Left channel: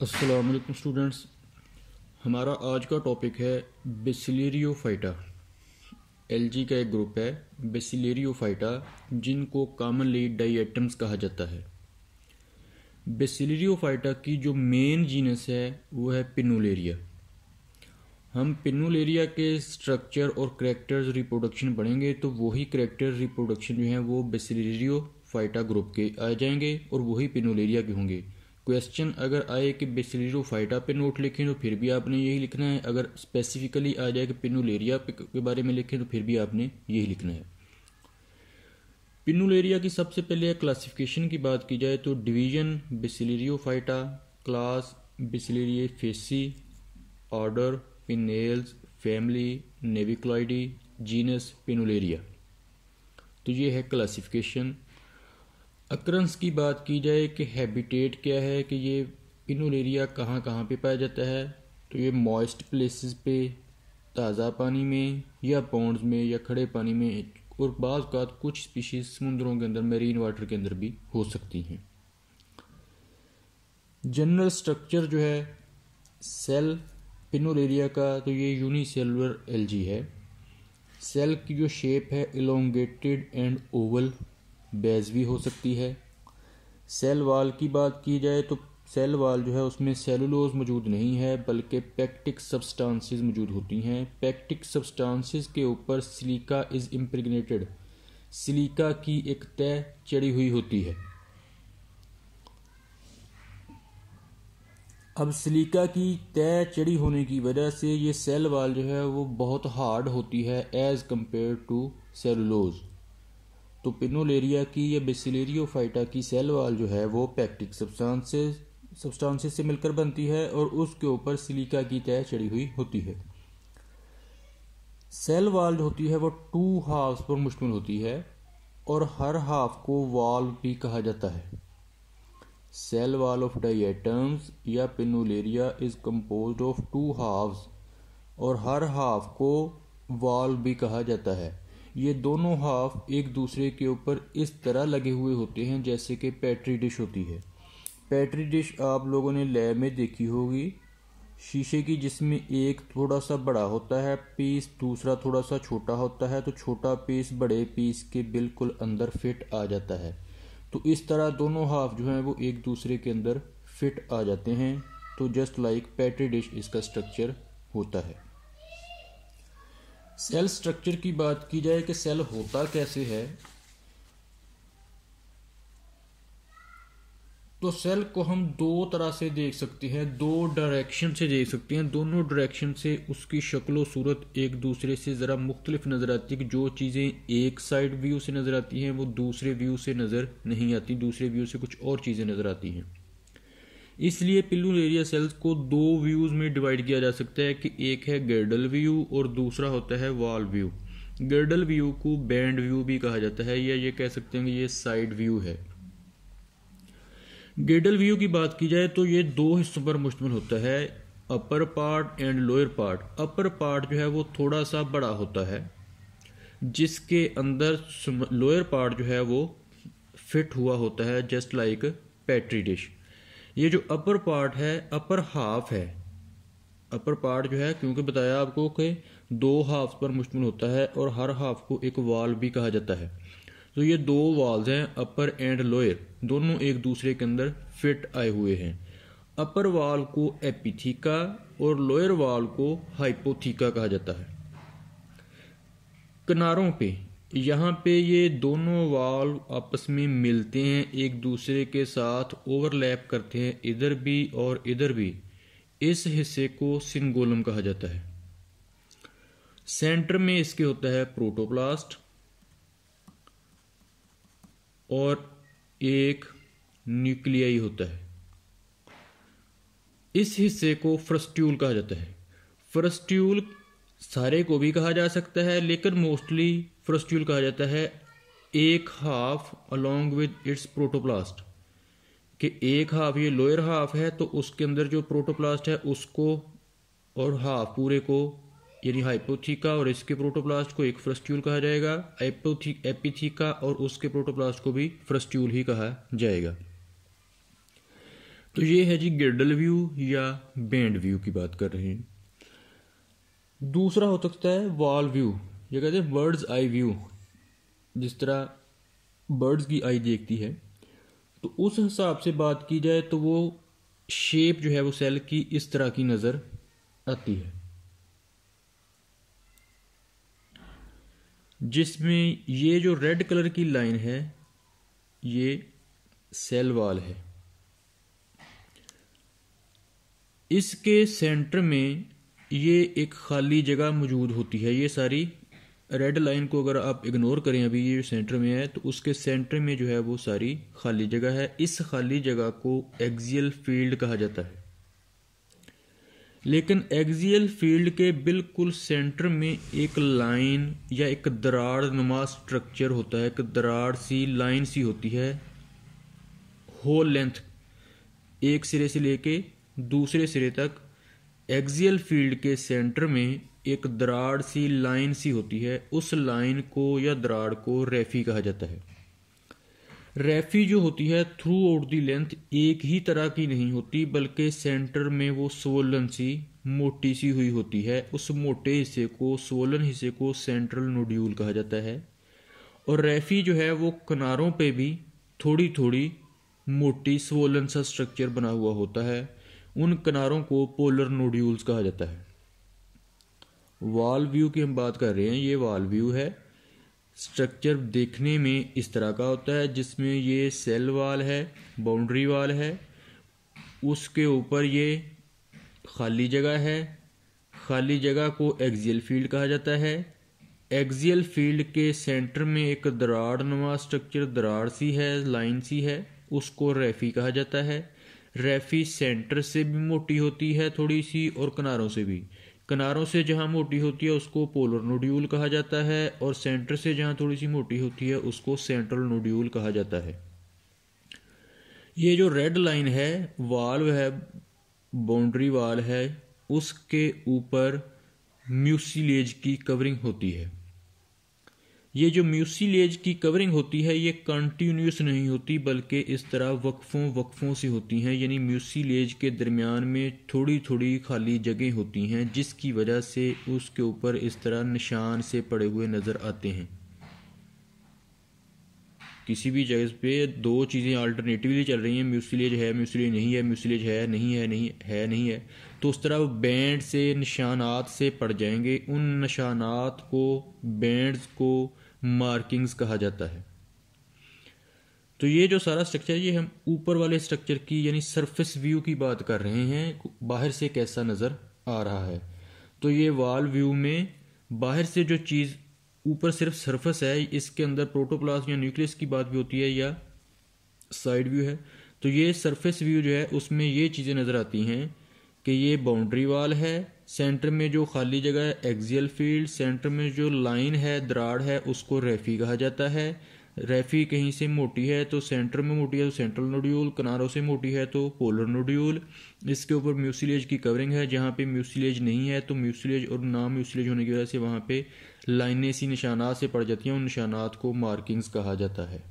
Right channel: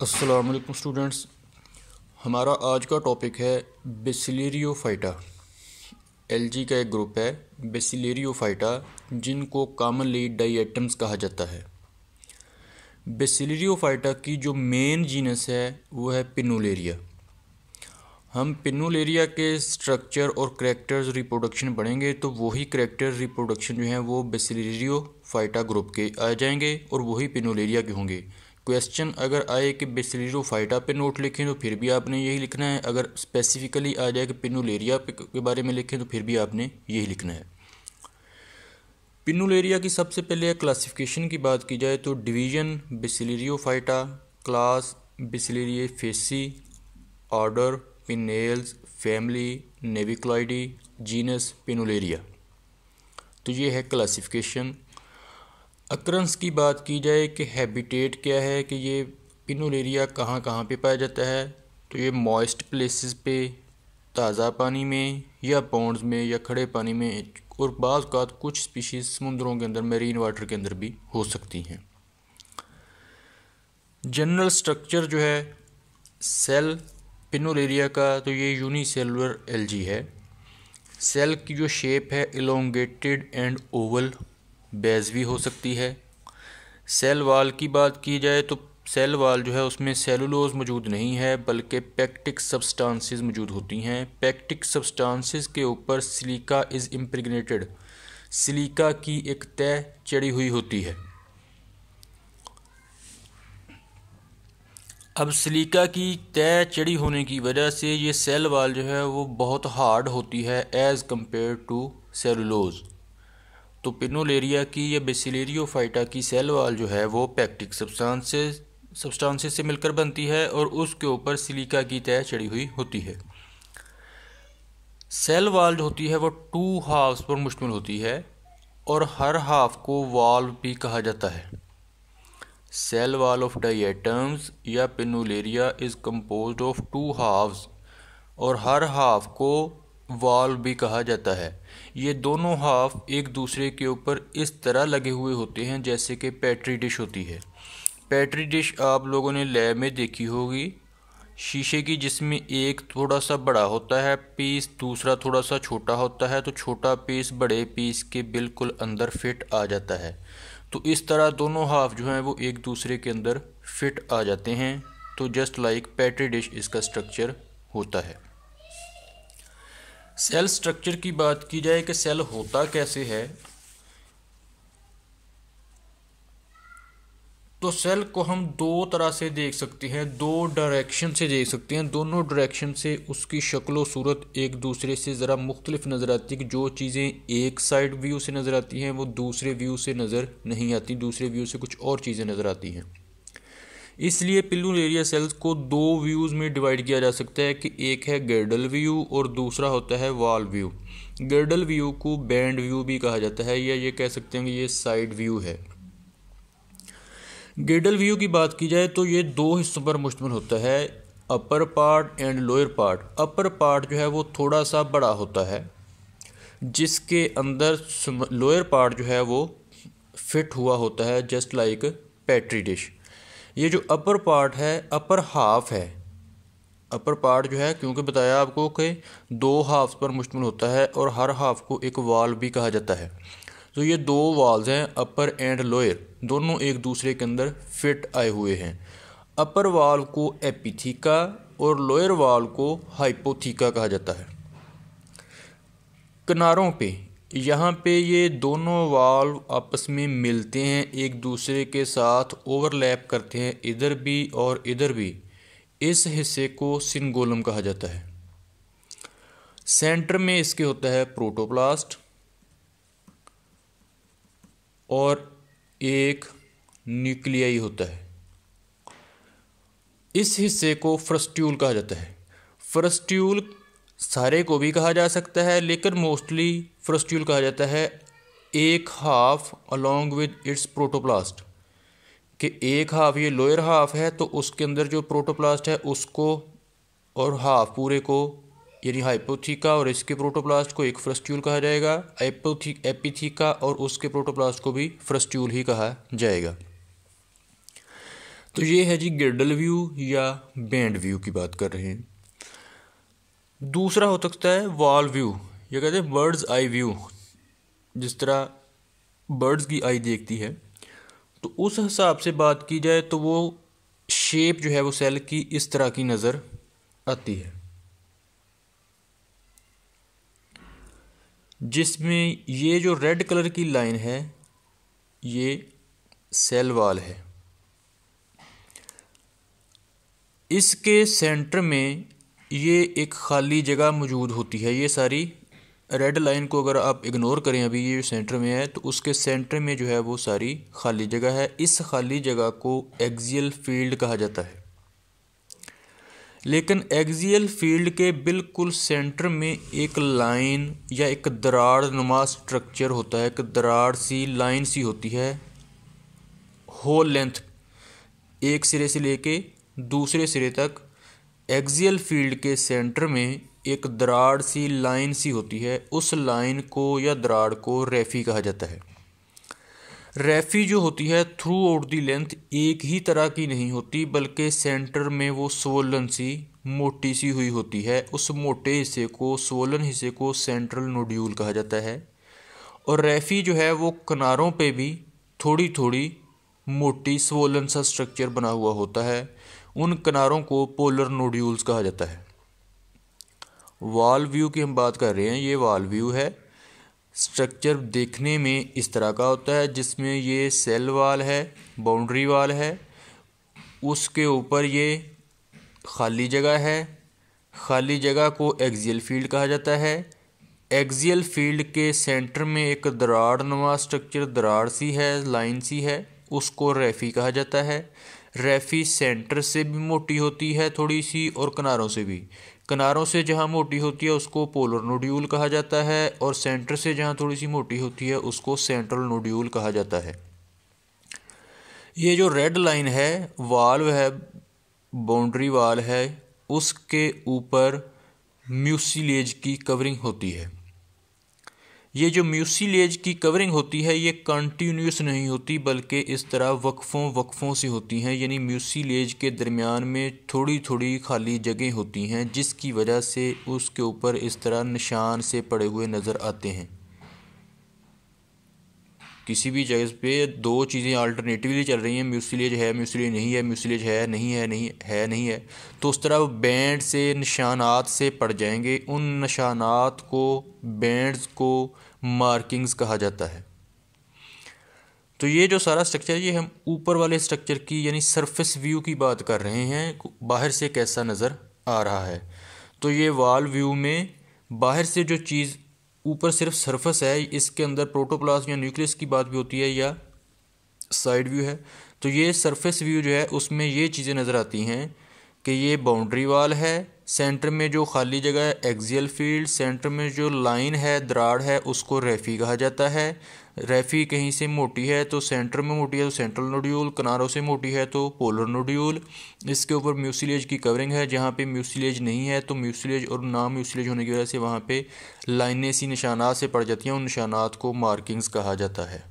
अस्सलाम वालेकुम स्टूडेंट्स। हमारा आज का टॉपिक है बेसिलरियोफाइटा। एलजी का एक ग्रुप है बेसिलरियोफाइटा, जिनको कॉमनली डायटम्स कहा जाता है। बेसिलरियोफाइटा की जो मेन जीनस है वो है पिनुलेरिया। हम पिनुलेरिया के स्ट्रक्चर और करैक्टर्स रिप्रोडक्शन पढ़ेंगे तो वही करैक्टर रिप्रोडक्शन जो है वो बेसिलरियोफाइटा ग्रुप के आ जाएंगे और वही पिनुलेरिया के होंगे। क्वेश्चन अगर आए कि बेसिलरियोफाइटा पे नोट लिखें तो फिर भी आपने यही लिखना है। अगर स्पेसिफिकली आ जाए कि पिनुलेरिया के बारे में लिखें तो फिर भी आपने यही लिखना है। पिनुलेरिया की सबसे पहले क्लासिफिकेशन की बात की जाए तो division bacillariophyta, class bacillariophyceae, order pennales, family naviculaceae, genus pinnularia. तो ये है क्लासिफिकेशन। अक्रंस की बात की जाए कि हैबिटेट क्या है, कि ये पिनुलेरिया कहाँ कहाँ पे पाया जाता है, तो ये मॉइस्ट प्लेसेस पे, ताज़ा पानी में या पॉन्ड्स में या खड़े पानी में, और बाज़ औक़ात कुछ स्पीशीज़ समुद्रों के अंदर मैरीन वाटर के अंदर भी हो सकती हैं। जनरल स्ट्रक्चर जो है सेल पिनुलेरिया का, तो ये यूनिसेलुलर एलजी है। सेल की जो शेप है इलोंगेटेड एंड ओवल, बेज भी हो सकती है। सेल वाल की बात की जाए तो सेल वाल जो है उसमें सेलुलोज मौजूद नहीं है बल्कि पेक्टिक सब्सटेंसेस मौजूद होती हैं। पेक्टिक सब्सटेंसेस के ऊपर सिलिका इज़ इम्प्रेग्नेटेड, सिलिका की एक तह चढ़ी हुई होती है। अब सिलिका की तह चढ़ी होने की वजह से ये सेल वाल जो है वो बहुत हार्ड होती है एज़ कम्पेयर टू सेलुलोज। तो पिनुलेरिया की या बेसिलरियोफाइटा की सेल वाल जो है वो पेक्टिक सब्सटेंसेस से मिलकर बनती है और उसके ऊपर सिलिका की तह चढ़ी हुई होती है। सेल वाल जो होती है वो 2 हाफ्स पर मुश्तमिल होती है और हर हाफ को वाल्व भी कहा जाता है। सेल वाल ऑफ डायटम्स या पिनुलेरिया इज़ कंपोज्ड ऑफ 2 हाफ्स और हर हाफ को वाल्व भी कहा जाता है। ये दोनों हाफ एक दूसरे के ऊपर इस तरह लगे हुए होते हैं जैसे कि पेट्री डिश होती है। पेट्री डिश आप लोगों ने लैब में देखी होगी, शीशे की, जिसमें एक थोड़ा सा बड़ा होता है पीस, दूसरा थोड़ा सा छोटा होता है, तो छोटा पीस बड़े पीस के बिल्कुल अंदर फिट आ जाता है। तो इस तरह दोनों हाफ जो हैं वो एक दूसरे के अंदर फिट आ जाते हैं। तो जस्ट लाइक पेट्री डिश इसका स्ट्रक्चर होता है। सेल स्ट्रक्चर की बात की जाए कि सेल होता कैसे है, तो सेल को हम 2 तरह से देख सकते हैं, 2 डायरेक्शन से देख सकते हैं। दोनों डायरेक्शन से उसकी शक्ल और सूरत एक दूसरे से ज़रा मुख्तलिफ नज़र आती है कि जो चीज़ें एक साइड व्यू से नज़र आती हैं वो दूसरे व्यू से नज़र नहीं आती, दूसरे व्यू से कुछ और चीज़ें नज़र आती हैं। इसलिए पिनुलेरिया सेल्स को 2 व्यूज़ में डिवाइड किया जा सकता है कि एक है गर्डल व्यू और दूसरा होता है वॉल व्यू। गर्डल व्यू को बैंड व्यू भी कहा जाता है या ये कह सकते हैं कि ये साइड व्यू है। गर्डल व्यू की बात की जाए तो ये 2 हिस्सों पर मुश्तमिल होता है, upper part and lower part. Upper part जो है वो थोड़ा सा बड़ा होता है जिसके अंदर लोअर पार्ट जो है वो फिट हुआ होता है जस्ट लाइक पेट्री डिश। ये जो अपर पार्ट है, अपर हाफ है, अपर पार्ट जो है क्योंकि बताया आपको कि 2 हाफ्स पर मुश्तमिल होता है और हर हाफ को एक वाल भी कहा जाता है। तो ये 2 वाल्स हैं, अपर एंड लोअर, दोनों एक दूसरे के अंदर फिट आए हुए हैं। अपर वाल को एपिथीका और लोअर वाल को हाइपोथीका कहा जाता है। किनारों पे यहाँ पे ये दोनों वाल्व आपस में मिलते हैं, एक दूसरे के साथ ओवरलैप करते हैं इधर भी और इधर भी। इस हिस्से को सिंगोलम कहा जाता है। सेंटर में इसके होता है प्रोटोप्लास्ट और एक न्यूक्लियाई होता है। इस हिस्से को फ्रस्ट्यूल कहा जाता है। फ्रस्ट्यूल सारे को भी कहा जा सकता है लेकिन मोस्टली फ्रस्ट्यूल कहा जाता है एक half along with its protoplast, कि एक हाफ ये लोअर हाफ है तो उसके अंदर जो प्रोटोप्लास्ट है उसको, और हाफ पूरे को यानी हाइपोथीका और इसके प्रोटोप्लास्ट को एक फ्रस्ट्यूल कहा जाएगा। एपिथीका और उसके प्रोटोप्लास्ट को भी फ्रस्ट्यूल ही कहा जाएगा। तो ये है जी गिर्डल व्यू या बैंड व्यू की बात कर रहे हैं। दूसरा हो सकता है वॉल व्यू, या कहते हैं बर्ड्स आई व्यू। जिस तरह बर्ड्स की आई देखती है, तो उस हिसाब से बात की जाए तो वो शेप जो है वो सेल की इस तरह की नज़र आती है, जिसमें ये जो रेड कलर की लाइन है ये सेल वॉल है। इसके सेंटर में ये एक खाली जगह मौजूद होती है। ये सारी रेड लाइन को अगर आप इग्नोर करें, अभी ये सेंटर में है, तो उसके सेंटर में जो है वो सारी खाली जगह है। इस खाली जगह को एक्सियल फील्ड कहा जाता है। लेकिन एक्सियल फील्ड के बिल्कुल सेंटर में एक लाइन या एक दरार नुमा स्ट्रक्चर होता है, एक दरार सी लाइन सी होती है, होल लेंथ एक सिरे से लेके दूसरे सिरे तक। एक्सियल फील्ड के सेंटर में एक दरार सी लाइन सी होती है, उस लाइन को या दरार को रेफी कहा जाता है। रेफी जो होती है थ्रू आउट दी लेंथ एक ही तरह की नहीं होती, बल्कि सेंटर में वो स्वोलन सी मोटी सी हुई होती है। उस मोटे हिस्से को, स्वोलन हिस्से को सेंट्रल नोड्यूल कहा जाता है। और रेफी जो है वो किनारों पे भी थोड़ी थोड़ी मोटी स्वोलन सा स्ट्रक्चर बना हुआ होता है। उन किनारों को पोलर नोड्यूल्स कहा जाता है। वॉल व्यू की हम बात कर रहे हैं, ये वॉल व्यू है। स्ट्रक्चर देखने में इस तरह का होता है, जिसमें ये सेल वाल है, बाउंड्री वाल है, उसके ऊपर ये खाली जगह है। खाली जगह को एक्सियल फील्ड कहा जाता है। एक्सियल फील्ड के सेंटर में एक दरार नुमा स्ट्रक्चर, दरार सी है, लाइन सी है, उसको रेफी कहा जाता है। रेफी सेंटर से भी मोटी होती है थोड़ी सी, और किनारों से भी। किनारों से जहाँ मोटी होती है उसको पोलर नोड्यूल कहा जाता है, और सेंटर से जहाँ थोड़ी सी मोटी होती है उसको सेंट्रल नोड्यूल कहा जाता है। ये जो रेड लाइन है वाल्व है, बाउंड्री वाल है, उसके ऊपर म्यूसिलेज की कवरिंग होती है। ये जो म्यूसिलेज की कवरिंग होती है ये कंटिन्यूस नहीं होती, बल्कि इस तरह वक्फों से होती हैं। यानी म्यूसिलेज के दरमियान में थोड़ी थोड़ी खाली जगह होती हैं, जिसकी वजह से उसके ऊपर इस तरह निशान से पड़े हुए नज़र आते हैं। किसी भी जगह पे दो चीज़ें अल्टरनेटिवली चल रही हैं, म्यूसिलेज है, म्यूसिलेज नहीं है, म्यूसिलेज है, नहीं है, नहीं है, तो उस तरह बैंड से निशानात से पड़ जाएंगे। उन निशानात को, बैंड्स को मार्किंग्स कहा जाता है। तो ये जो सारा स्ट्रक्चर है, ये हम ऊपर वाले स्ट्रक्चर की यानी सरफेस व्यू की बात कर रहे हैं, बाहर से कैसा नज़र आ रहा है। तो ये वॉल व्यू में बाहर से जो चीज़ ऊपर सिर्फ सरफेस है, इसके अंदर प्रोटोप्लाज्म या न्यूक्लियस की बात भी होती है, या साइड व्यू है। तो ये सरफेस व्यू जो है उसमें ये चीज़ें नज़र आती हैं कि ये बाउंड्री वाल है, सेंटर में जो खाली जगह है एक्सियल फील्ड, सेंटर में जो लाइन है, दरार है, उसको रेफी कहा जाता है। रेफी कहीं से मोटी है तो सेंटर में मोटी है तो सेंट्रल नोड्यूल, किनारों से मोटी है तो पोलर नोड्यूल। इसके ऊपर म्यूसिलेज की कवरिंग है, जहाँ पे म्यूसिलेज नहीं है तो म्यूसिलेज, और ना म्यूसिलेज होने की वजह से वहाँ पे लाइनें सी निशानात से पड़ जाती हैं, उन निशानात को मार्किंग्स कहा जाता है।